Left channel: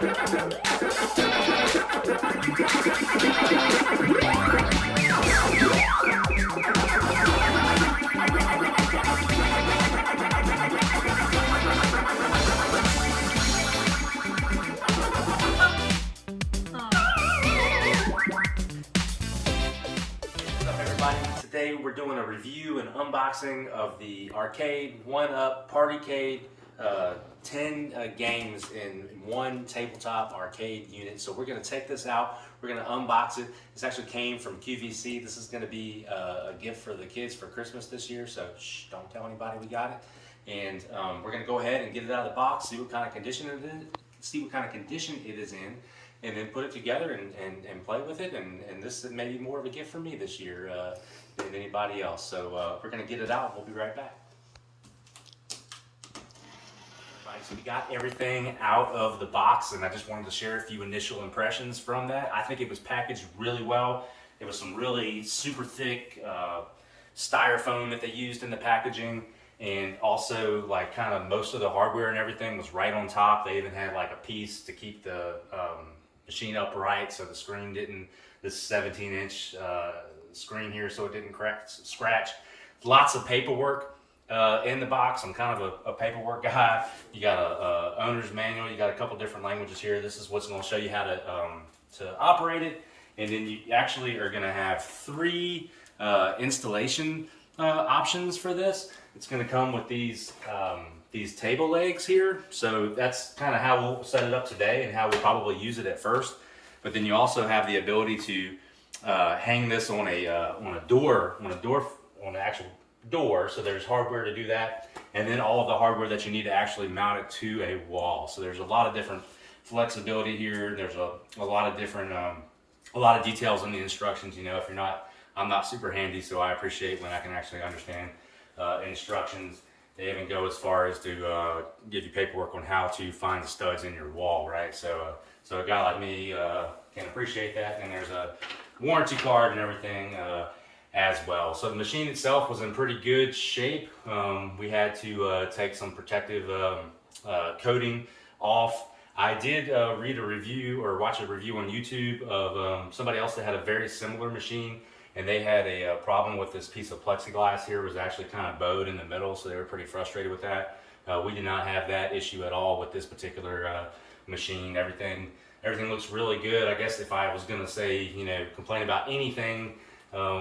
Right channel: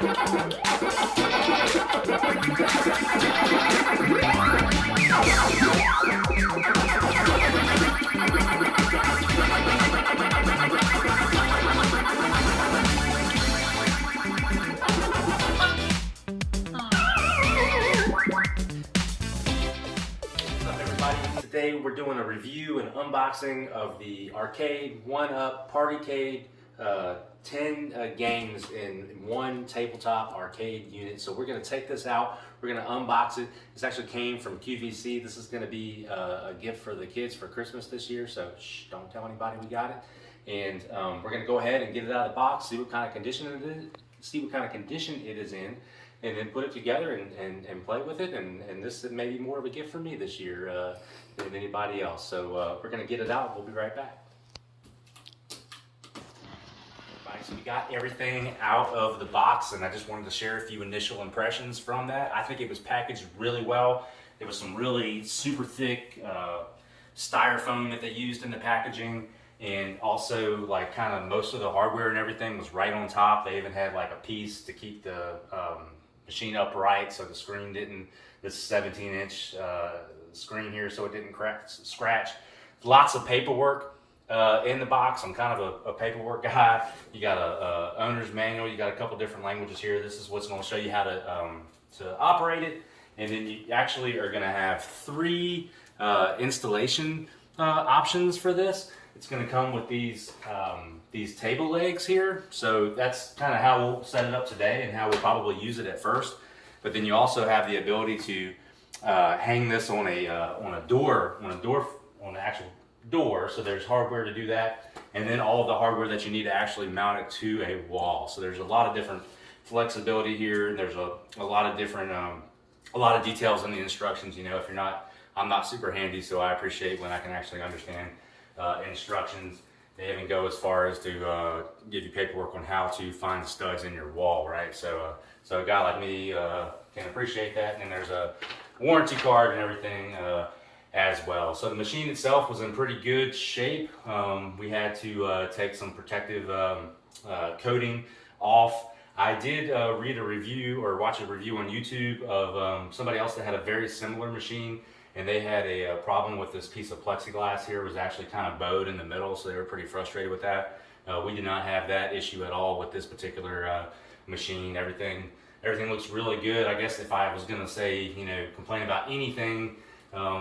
Today we're doing a review and unboxing of the Arcade1Up PartyCade 10 games in one tabletop arcade unit. So we're going to take this out, we're going to unbox it. This actually came from QVC. This is going to be a gift for the kids for Christmas this year, so shh, don't tell anybody we got it. And we're going to go ahead and get it out of the box, see what kind of condition it is in, and then put it together and play with it. And this may be more of a gift for me this year than anybody else. So we're going to get it out. We'll be right back. Alright, so we got everything out of the box, and I just wanted to share a few initial impressions from that. I think it was packaged really well. It was some really super thick styrofoam that they used in the packaging, and also like kind of most of the hardware and everything was right on top. They even had like a piece to keep the machine upright so the screen didn't, this 17-inch screen here, so it didn't scratch. Lots of paperwork in the box. I'm kind of a paperwork guy. You got a owner's manual. You got a couple different languages here. This is what's going to show you how to operate it, and then you actually are going to have 3 installation options for this. It's going to come with these table legs here, so that's kind of how we'll set it up today and how we'll probably use it at first. But then you also have the ability to hang this on an actual door, so there's hardware to do that, and then all of the hardware that you need to actually mount it to a wall. So there's a lot of different flexibility here. There's a lot of different a lot of details in the instructions. You know, if you're not, I'm not super handy, so I appreciate when I can actually understand instructions. They even go as far as to give you paperwork on how to find the studs in your wall, right? So a guy like me can appreciate that, and there's a warranty card and everything as well. So the machine itself was in pretty good shape. We had to take some protective coating off. I did read a review or watch a review on YouTube of somebody else that had a very similar machine, and they had a problem with this piece of plexiglass here. It was actually kind of bowed in the middle, so they were pretty frustrated with that. We did not have that issue at all with this particular machine. Everything looks really good. I guess if I was going to say, you know, complain about anything,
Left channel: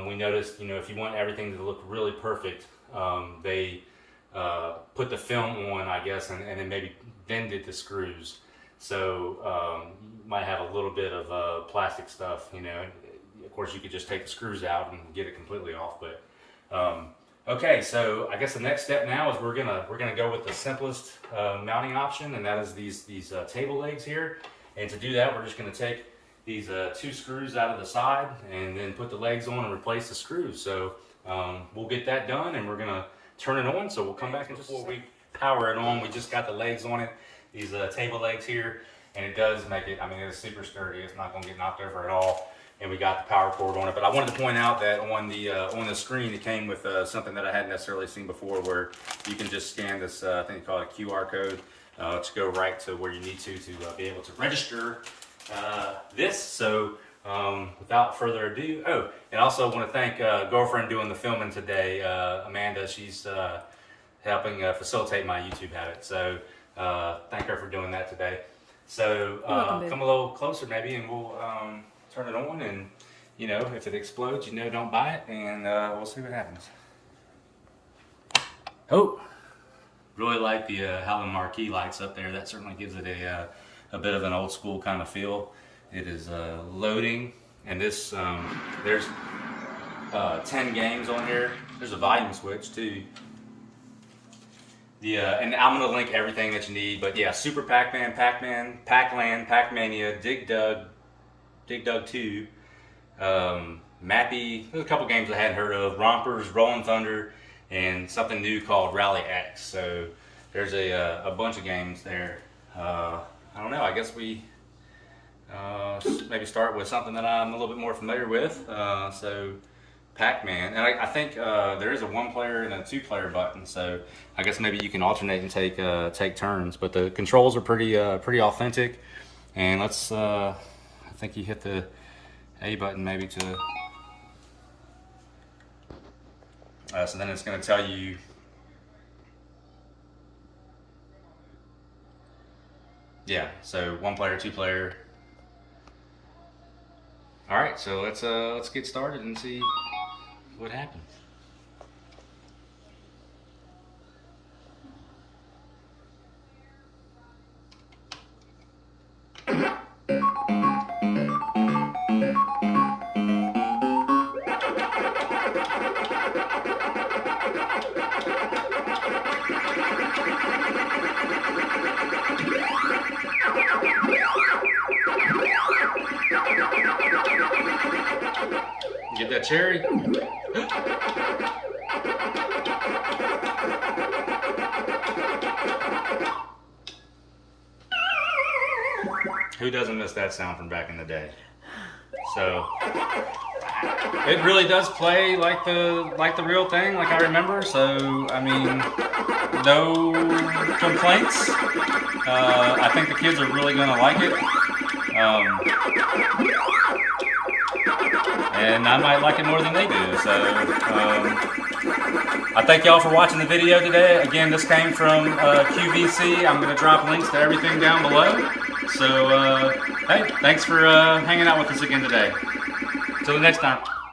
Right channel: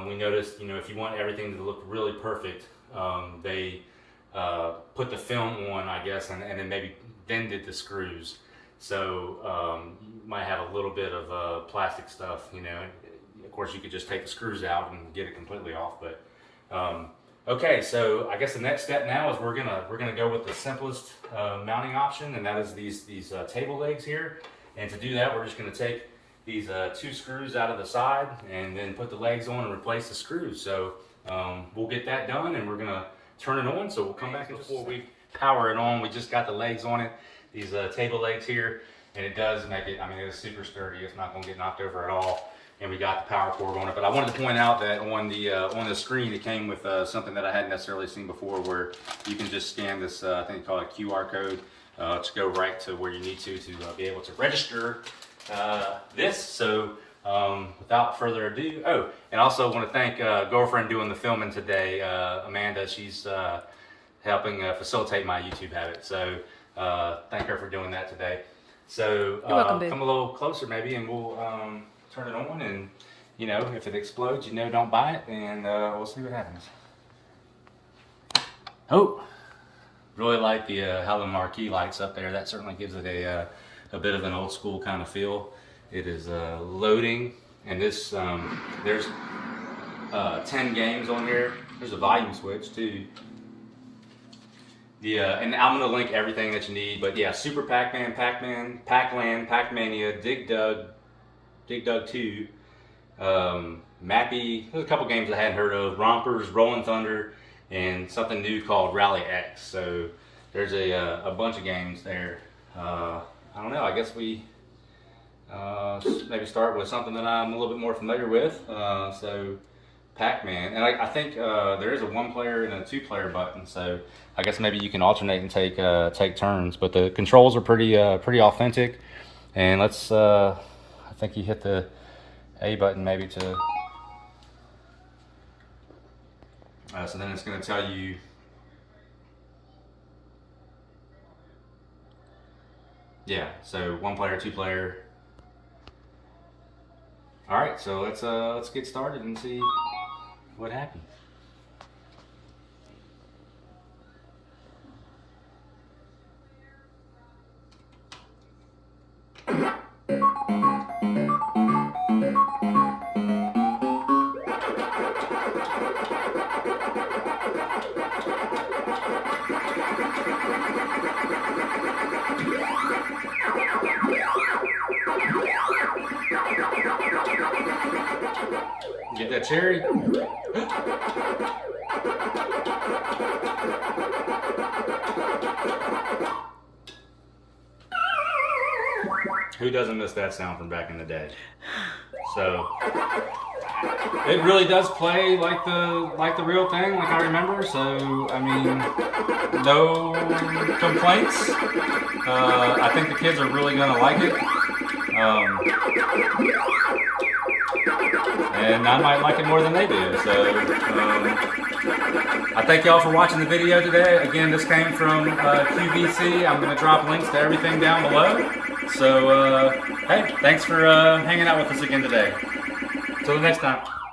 we noticed, you know, if you want everything to look really perfect, they put the film on, I guess, and then maybe then did the screws. So you might have a little bit of plastic stuff, you know. Of course, you could just take the screws out and get it completely off. But okay, so I guess the next step now is we're gonna go with the simplest mounting option, and that is these table legs here. And to do that, we're just gonna take these 2 screws out of the side and then put the legs on and replace the screws. So we'll get that done, and we're gonna turn it on. So we'll come back, and before we power it on, we just got the legs on it, these table legs here, and it does make it, I mean, it's super sturdy. It's not gonna get knocked over at all. And we got the power cord on it. But I wanted to point out that on the screen, it came with something that I hadn't necessarily seen before, where you can just scan this, I think they call it a QR code, to go right to where you need to be able to register this. So without further ado, oh, and also want to thank girlfriend doing the filming today, Amanda. She's helping facilitate my YouTube habit. So thank her for doing that today. So You're welcome, babe. Come a little closer maybe, and we'll turn it on, and you know, if it explodes, you know, don't buy it, and we'll see what happens. Oh, really like the Helen marquee lights up there. That certainly gives it a bit of an old school kind of feel. It is loading, and this there's 10 games on here. There's a volume switch too. And I'm gonna link everything that you need. But yeah, Super Pac-Man, Pac-Man, Pac-Land, Pac-Mania, Dig Dug 2, Mappy. There's a couple games I hadn't heard of. Rompers, RollingTunder, and something new called Rally X. So there's a bunch of games there. I don't know. I guess we maybe start with something that I'm a little bit more familiar with. So Pac-Man, and I think there is a 1-player and a 2-player button. So I guess maybe you can alternate and take turns. But the controls are pretty authentic. And let's, I think you hit the A button maybe to, so then it's going to tell you, yeah, so 1 player, 2 player. All right, so let's get started and see what happened. Get that cherry. Who doesn't miss that sound from back in the day? So it really does play like the real thing, like I remember. So I mean, no complaints. I think the kids are really gonna like it. And I might like it more than they do. So I thank y'all for watching the video today. Again, this came from QVC. I'm going to drop links to everything down below. So hey, thanks for hanging out with us again today. Till the next time.